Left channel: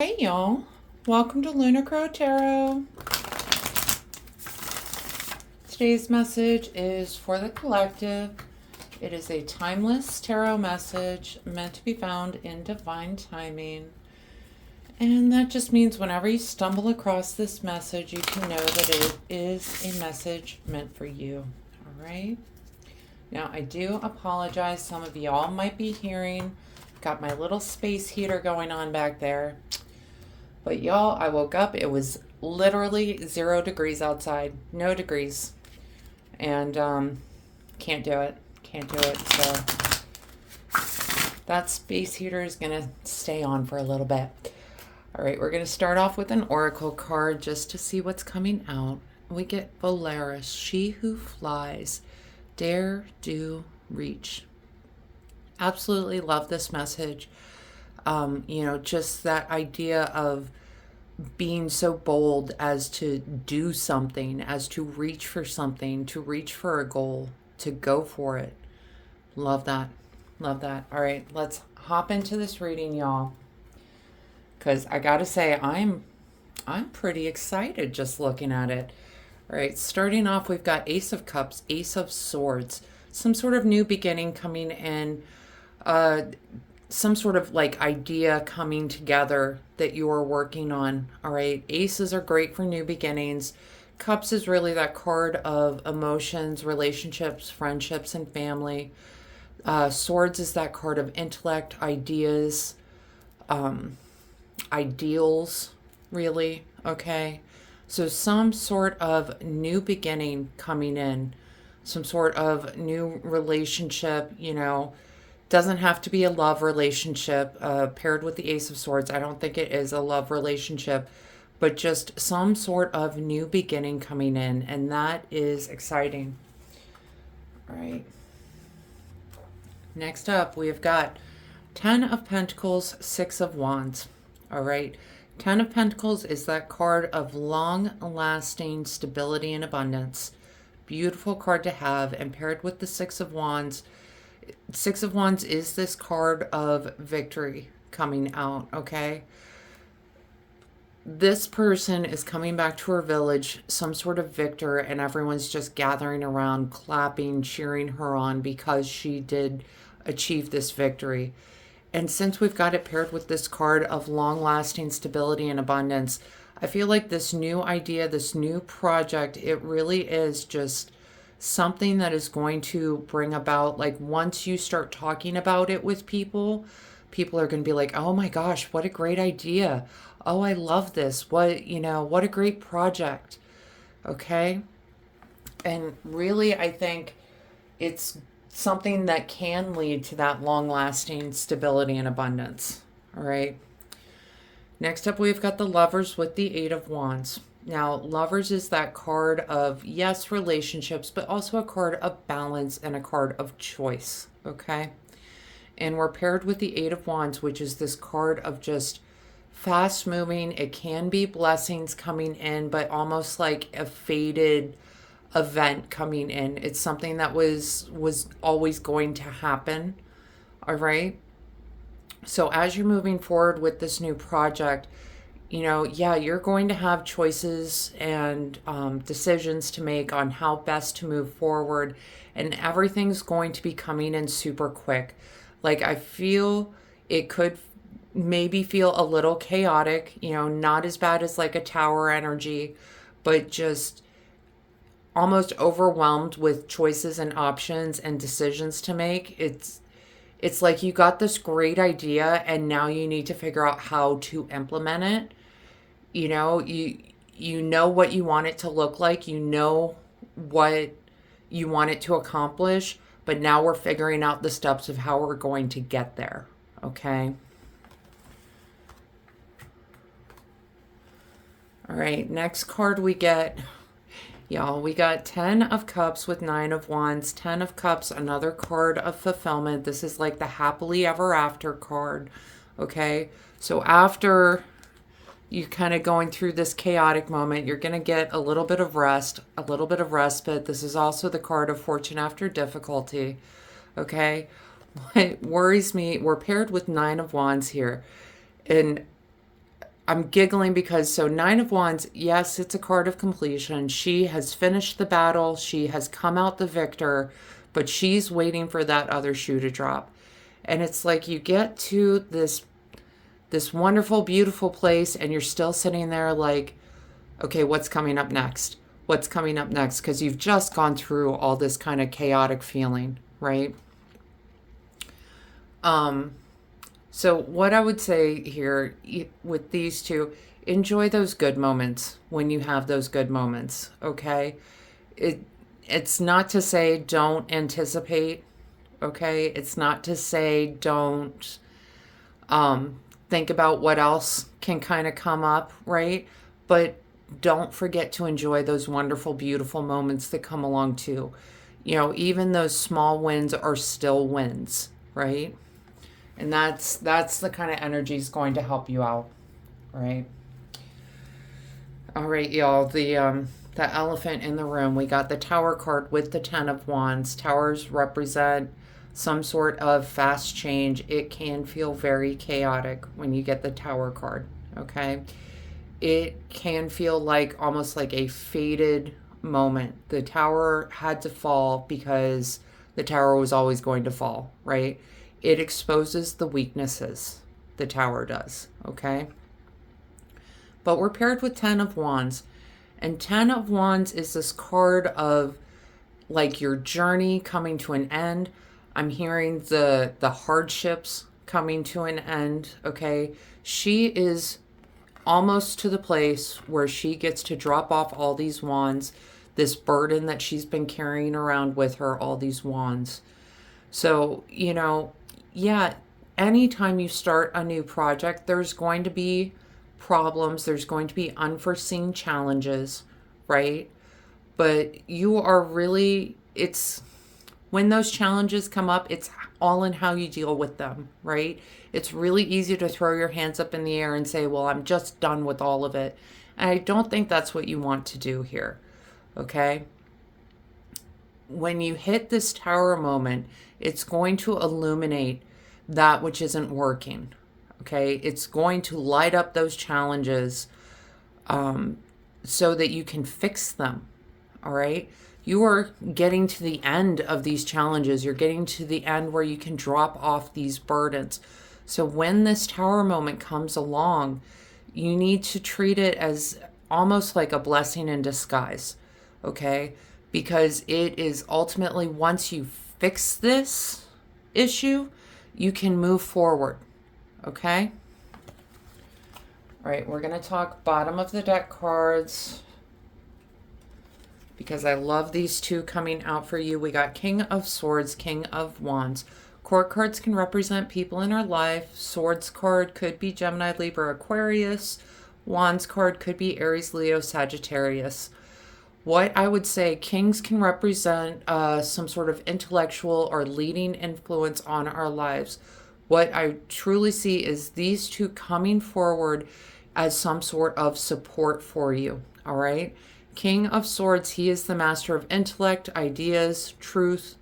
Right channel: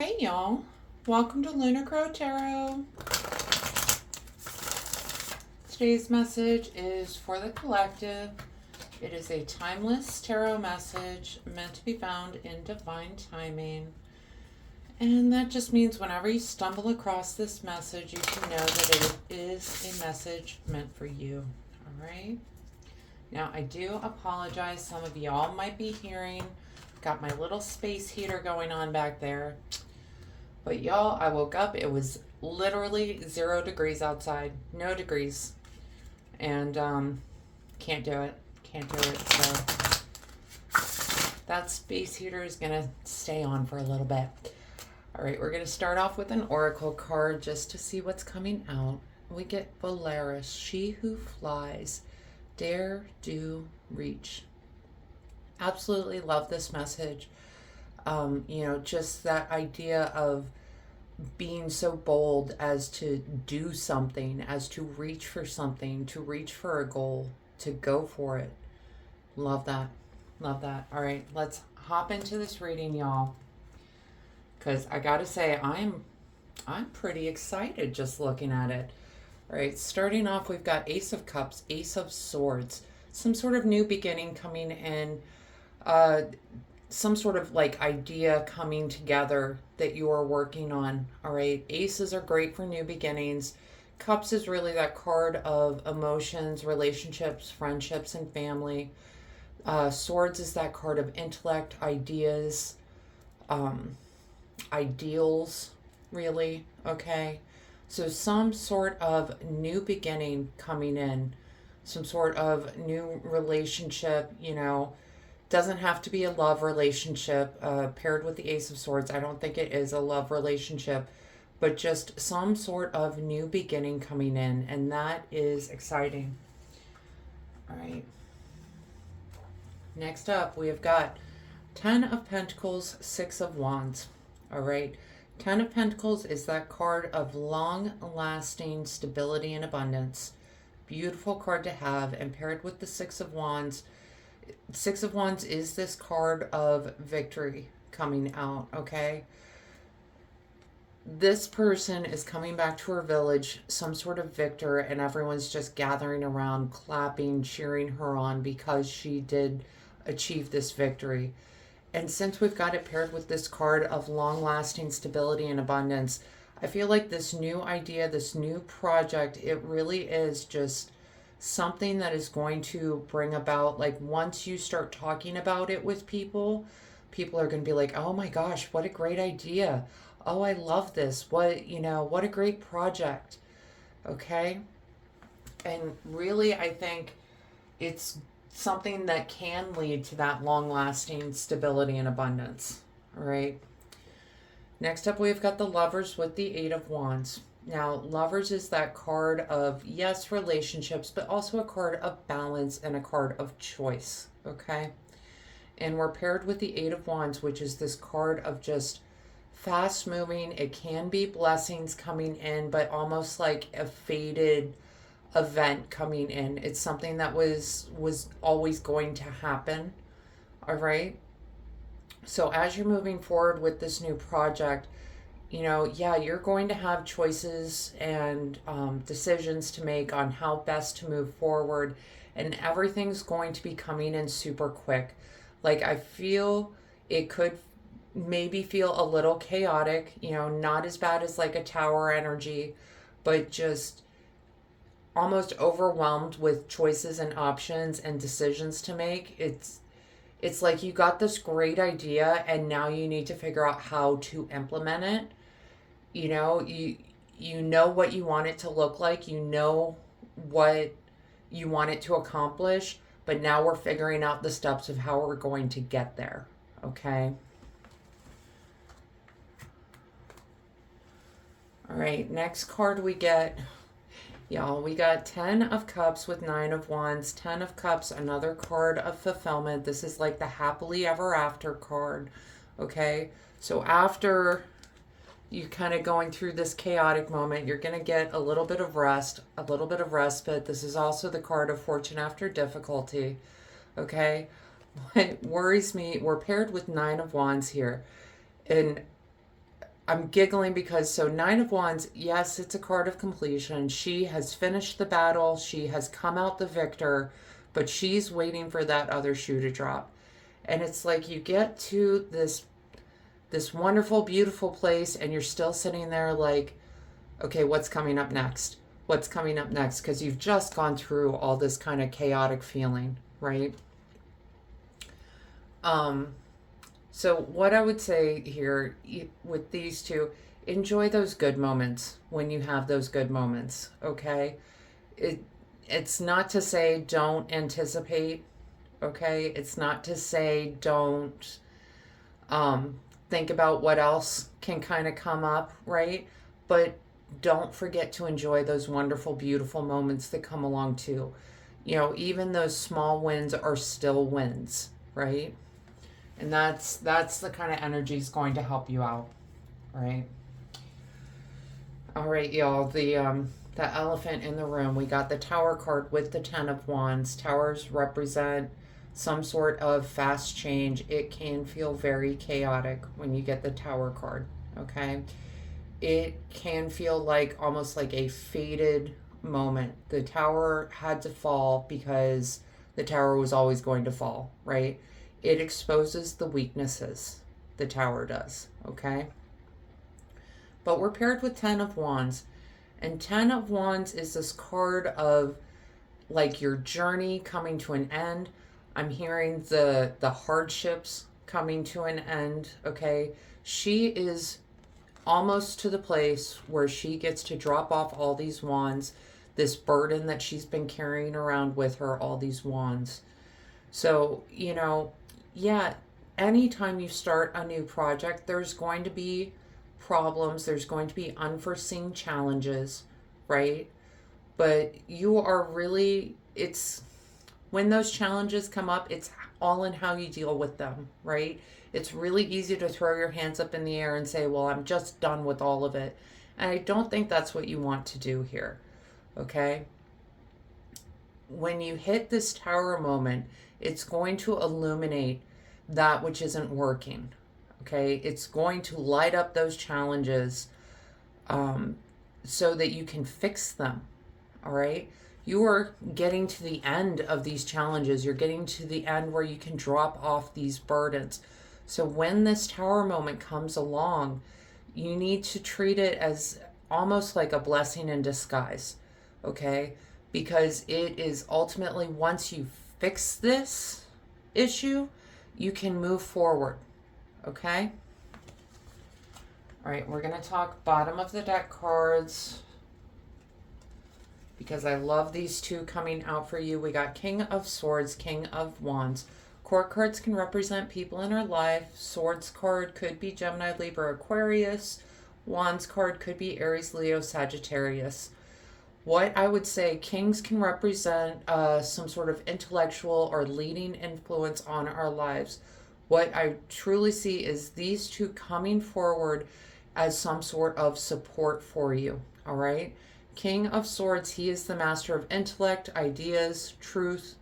Hey y'all, welcome to Lunar Tarot. Today's message is for the collective. It is a timeless tarot message meant to be found in divine timing. And that just means whenever you stumble across this message, you can know that it is a message meant for you. All right? Now, I do apologize. Some of y'all might be hearing, got my little space heater going on back there. But y'all, I woke up, it was literally 0 degrees outside, no degrees. And can't do it. So that space heater is going to stay on for a little bit. All right, we're going to start off with an oracle card just to see what's coming out. We get Polaris, she who flies, dare, do, reach. Absolutely love this message. Just that idea of being so bold as to do something, as to reach for something, to reach for a goal, to go for it. Love that. All right, let's hop into this reading, y'all. Because I gotta say, I'm pretty excited just looking at it. All right, starting off, we've got Ace of Cups, Ace of Swords, some sort of new beginning coming in. Some sort of like idea coming together that you are working on. All right, aces are great for new beginnings. Cups is really that card of emotions, relationships, friendships, and family. Swords is that card of intellect, ideas, ideals, really. Okay, so some sort of new beginning coming in, some sort of new relationship, doesn't have to be a love relationship paired with the Ace of Swords. I don't think it is a love relationship, but just some sort of new beginning coming in, and that is exciting. All right. Next up, we have got 10 of Pentacles, 6 of Wands. All right. 10 of Pentacles is that card of long-lasting stability and abundance. Beautiful card to have, and paired with the 6 of Wands, 6 of Wands is this card of victory coming out, okay? This person is coming back to her village, some sort of victor, and everyone's just gathering around, clapping, cheering her on because she did achieve this victory. And since we've got it paired with this card of long-lasting stability and abundance, I feel like this new idea, this new project, it really is just something that is going to bring about, like, once you start talking about it with people are going to be like, oh my gosh, what a great idea. Oh, I love this. What a great project. Okay. And really, I think it's something that can lead to that long lasting stability and abundance. All right. Next up, we've got the Lovers with the 8 of Wands. Now, Lovers is that card of, yes, relationships, but also a card of balance and a card of choice, okay? And we're paired with the 8 of Wands, which is this card of just fast moving. It can be blessings coming in, but almost like a faded event coming in. It's something that was always going to happen, all right? So as you're moving forward with this new project, you're going to have choices and decisions to make on how best to move forward, and everything's going to be coming in super quick. Like, I feel it could maybe feel a little chaotic, not as bad as like a tower energy, but just almost overwhelmed with choices and options and decisions to make. It's like you got this great idea and now you need to figure out how to implement it. You know what you want it to look like, what you want it to accomplish, but now we're figuring out the steps of how we're going to get there. Okay. All right, next card we get, y'all, we got 10 of Cups with 9 of Wands. 10 of Cups, another card of fulfillment. This is like the happily ever after card. Okay, so after you kind of going through this chaotic moment, you're going to get a little bit of rest, a little bit of respite. This is also the card of fortune after difficulty. Okay, what worries me, we're paired with 9 of Wands here, and I'm giggling because, so Nine of Wands, yes, it's a card of completion. She has finished the battle. She has come out the victor, but she's waiting for that other shoe to drop. And it's like you get to this wonderful, beautiful place, and you're still sitting there like, okay, what's coming up next? What's coming up next? Because you've just gone through all this kind of chaotic feeling, right? So what I would say here with these two, enjoy those good moments when you have those good moments, okay? It it's not to say don't anticipate, okay? It's not to say don't think about what else can kind of come up, right? But don't forget to enjoy those wonderful, beautiful moments that come along too. Even those small wins are still wins, right? And that's the kind of energy is going to help you out, right? All right, y'all. The elephant in the room. We got the Tower card with the Ten of Wands. Towers represent some sort of fast change. It can feel very chaotic when you get the Tower card. Okay, it can feel like almost like a fated moment. The tower had to fall because the tower was always going to fall, right? It exposes the weaknesses. The tower does, okay? But we're paired with Ten of Wands. And Ten of Wands is this card of like your journey coming to an end. I'm hearing the hardships coming to an end, okay? She is almost to the place where she gets to drop off all these wands, this burden that she's been carrying around with her, all these wands. So, yeah, anytime you start a new project, there's going to be problems, there's going to be unforeseen challenges, right? But you are really, it's when those challenges come up, it's all in how you deal with them, right? It's really easy to throw your hands up in the air and say, well, I'm just done with all of it. And I don't think that's what you want to do here, okay? When you hit this tower moment, it's going to illuminate that which isn't working, okay? It's going to light up those challenges so that you can fix them, all right? You are getting to the end of these challenges. You're getting to the end where you can drop off these burdens. So when this tower moment comes along, you need to treat it as almost like a blessing in disguise, okay? Because it is ultimately, once you fix this issue, you can move forward, okay? All right, we're going to talk bottom of the deck cards because I love these two coming out for you. We got King of Swords, King of Wands. Court cards can represent people in our life. Swords card could be Gemini, Libra, Aquarius. Wands card could be Aries, Leo, Sagittarius. What I would say, kings can represent some sort of intellectual or leading influence on our lives. What I truly see is these two coming forward as some sort of support for you, all right? King of Swords, he is the master of intellect, ideas, truth.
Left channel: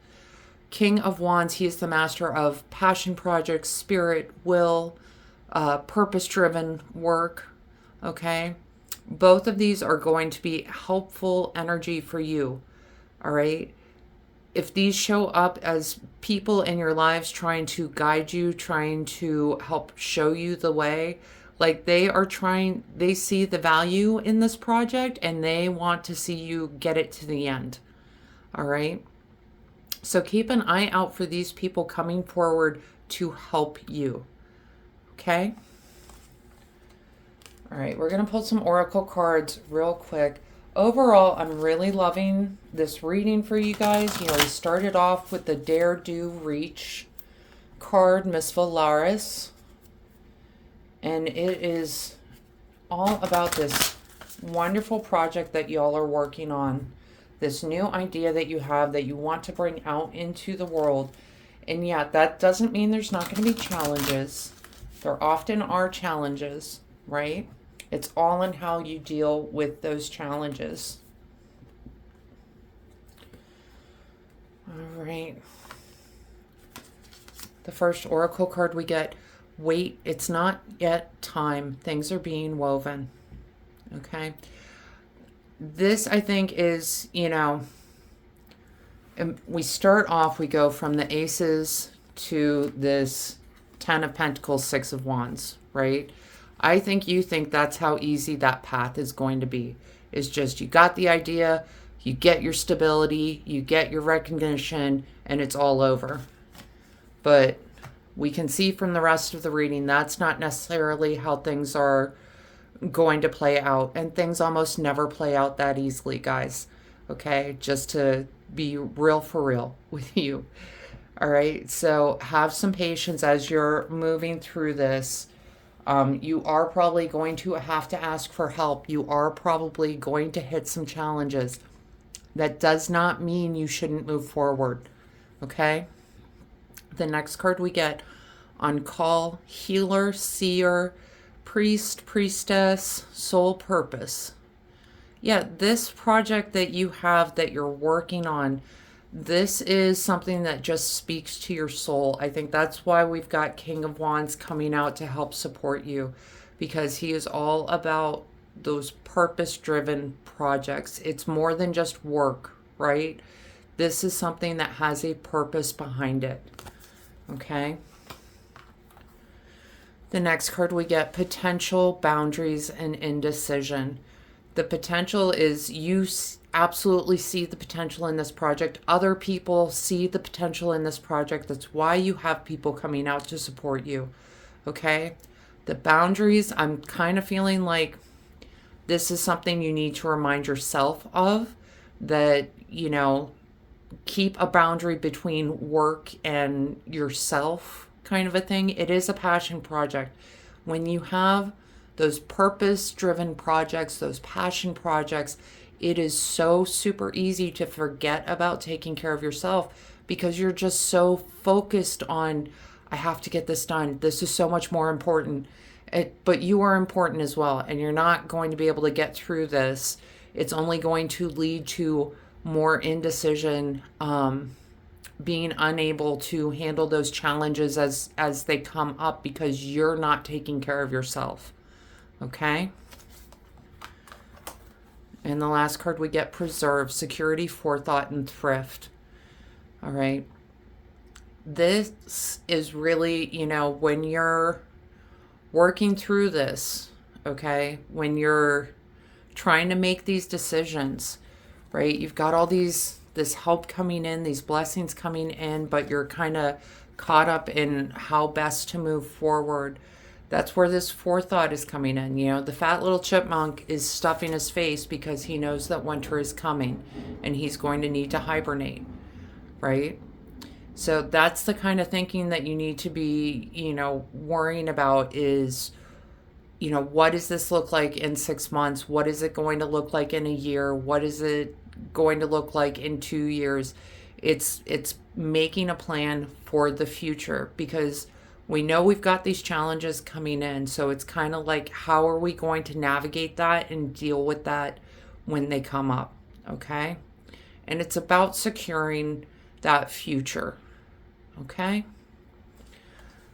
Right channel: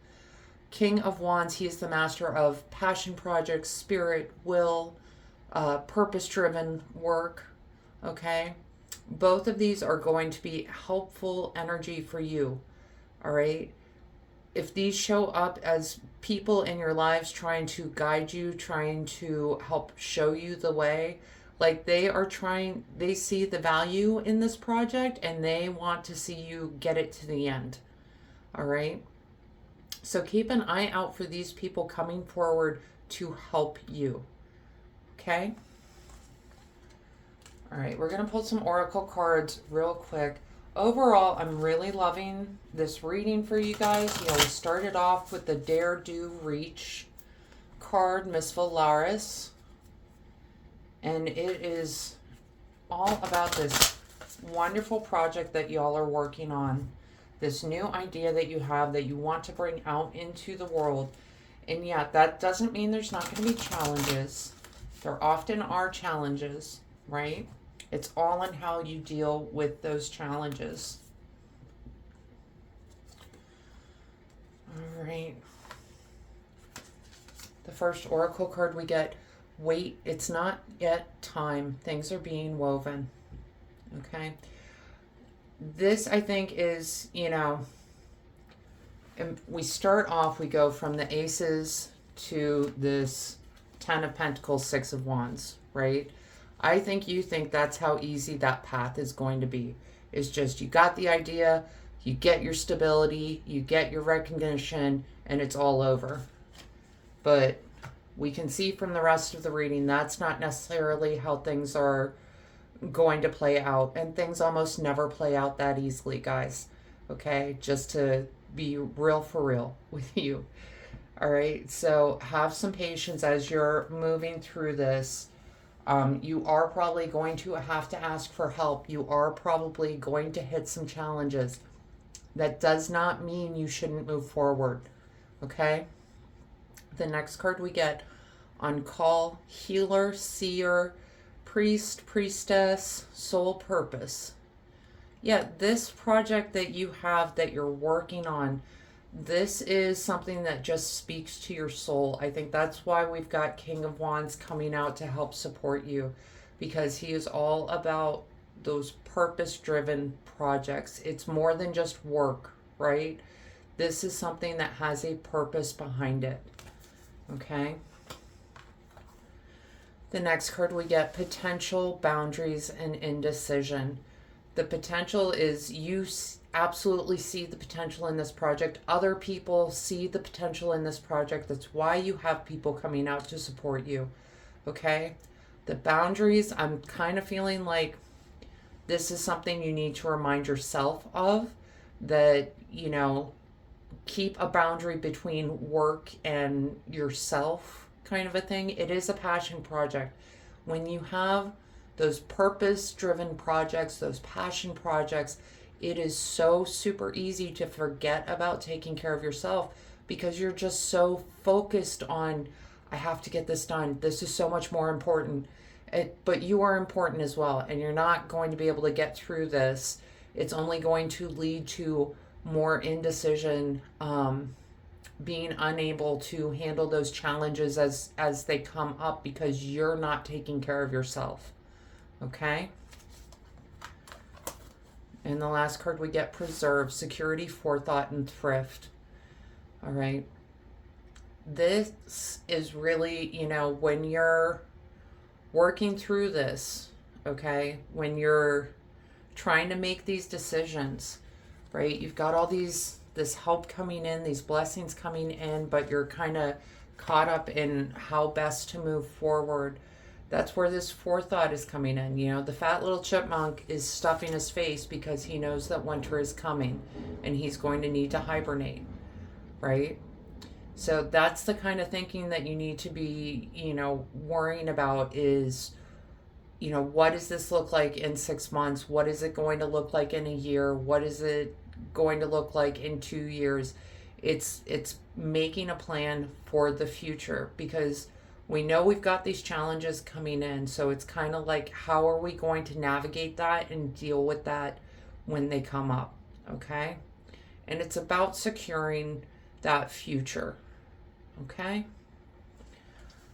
King of Wands, he is the master of passion projects, spirit, will, purpose-driven work, okay? Both of these are going to be helpful energy for you, all right? If these show up as people in your lives trying to guide you, trying to help show you the way, like they see the value in this project and they want to see you get it to the end, all right? So keep an eye out for these people coming forward to help you, okay? All right, we're going to pull some oracle cards real quick. Overall, I'm really loving this reading for you guys. You already started off with the Dare, Do, Reach card, Miss Valaris. And it is all about this wonderful project that y'all are working on. This new idea that you have that you want to bring out into the world. And yeah, that doesn't mean there's not going to be challenges. There often are challenges, right? It's all in how you deal with those challenges. All right. The first oracle card we get, Wait, it's not yet time. Things are being woven. Okay. This, I think, is, we start off, we go from the aces to this 10 of Pentacles, 6 of Wands, right? I think you think that's how easy that path is going to be. It's just you got the idea, you get your stability, you get your recognition, and it's all over. But we can see from the rest of the reading that's not necessarily how things are going to play out. And things almost never play out that easily, guys. Okay? Just to be real for real with you. All right? So have some patience as you're moving through this. You are probably going to have to ask for help. You are probably going to hit some challenges. That does not mean you shouldn't move forward. Okay? The next card we get on call, healer, seer, priest, priestess, soul purpose. Yeah, this project that you have that you're working on, this is something that just speaks to your soul. I think that's why we've got King of Wands coming out to help support you, because he is all about those purpose-driven projects. It's more than just work, right? This is something that has a purpose behind it. Okay? The next card we get, potential, boundaries, and indecision. The potential is you absolutely see the potential in this project. Other people see the potential in this project. That's why you have people coming out to support you. Okay? The boundaries, I'm kind of feeling like this is something you need to remind yourself of, that, keep a boundary between work and yourself, kind of a thing. It is a passion project. When you have those purpose-driven projects, those passion projects, it is so super easy to forget about taking care of yourself because you're just so focused on, I have to get this done. This is so much more important. But you are important as well, and you're not going to be able to get through this. It's only going to lead to more indecision, being unable to handle those challenges as they come up because you're not taking care of yourself. Okay? And the last card we get, preserve, security, forethought, and thrift. All right? This is really, when you're working through this, okay, when you're trying to make these decisions, right, you've got all this help coming in, these blessings coming in, but you're kind of caught up in how best to move forward. That's where this forethought is coming in. The fat little chipmunk is stuffing his face because he knows that winter is coming and he's going to need to hibernate, right? So that's the kind of thinking that you need to be, worrying about is, what does this look like in 6 months? What is it going to look like in a year? What is it going to look like in 2 years? It's making a plan for the future, because we know we've got these challenges coming in. So it's kind of like, how are we going to navigate that and deal with that when they come up? Okay. And it's about securing that future. Okay.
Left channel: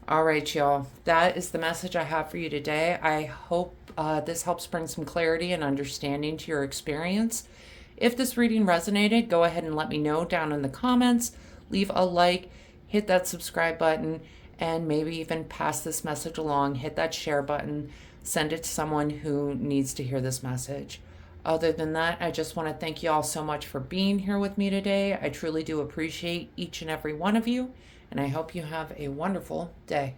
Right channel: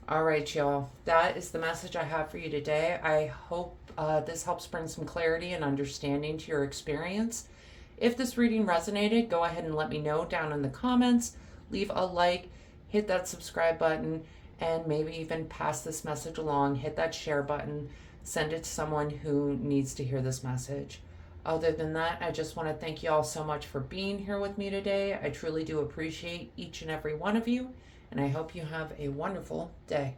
All right, y'all. That is the message I have for you today. I hope this helps bring some clarity and understanding to your experience. If this reading resonated, go ahead and let me know down in the comments. Leave a like, hit that subscribe button, and maybe even pass this message along. Hit that share button. Send it to someone who needs to hear this message. Other than that, I just want to thank you all so much for being here with me today. I truly do appreciate each and every one of you, and I hope you have a wonderful day.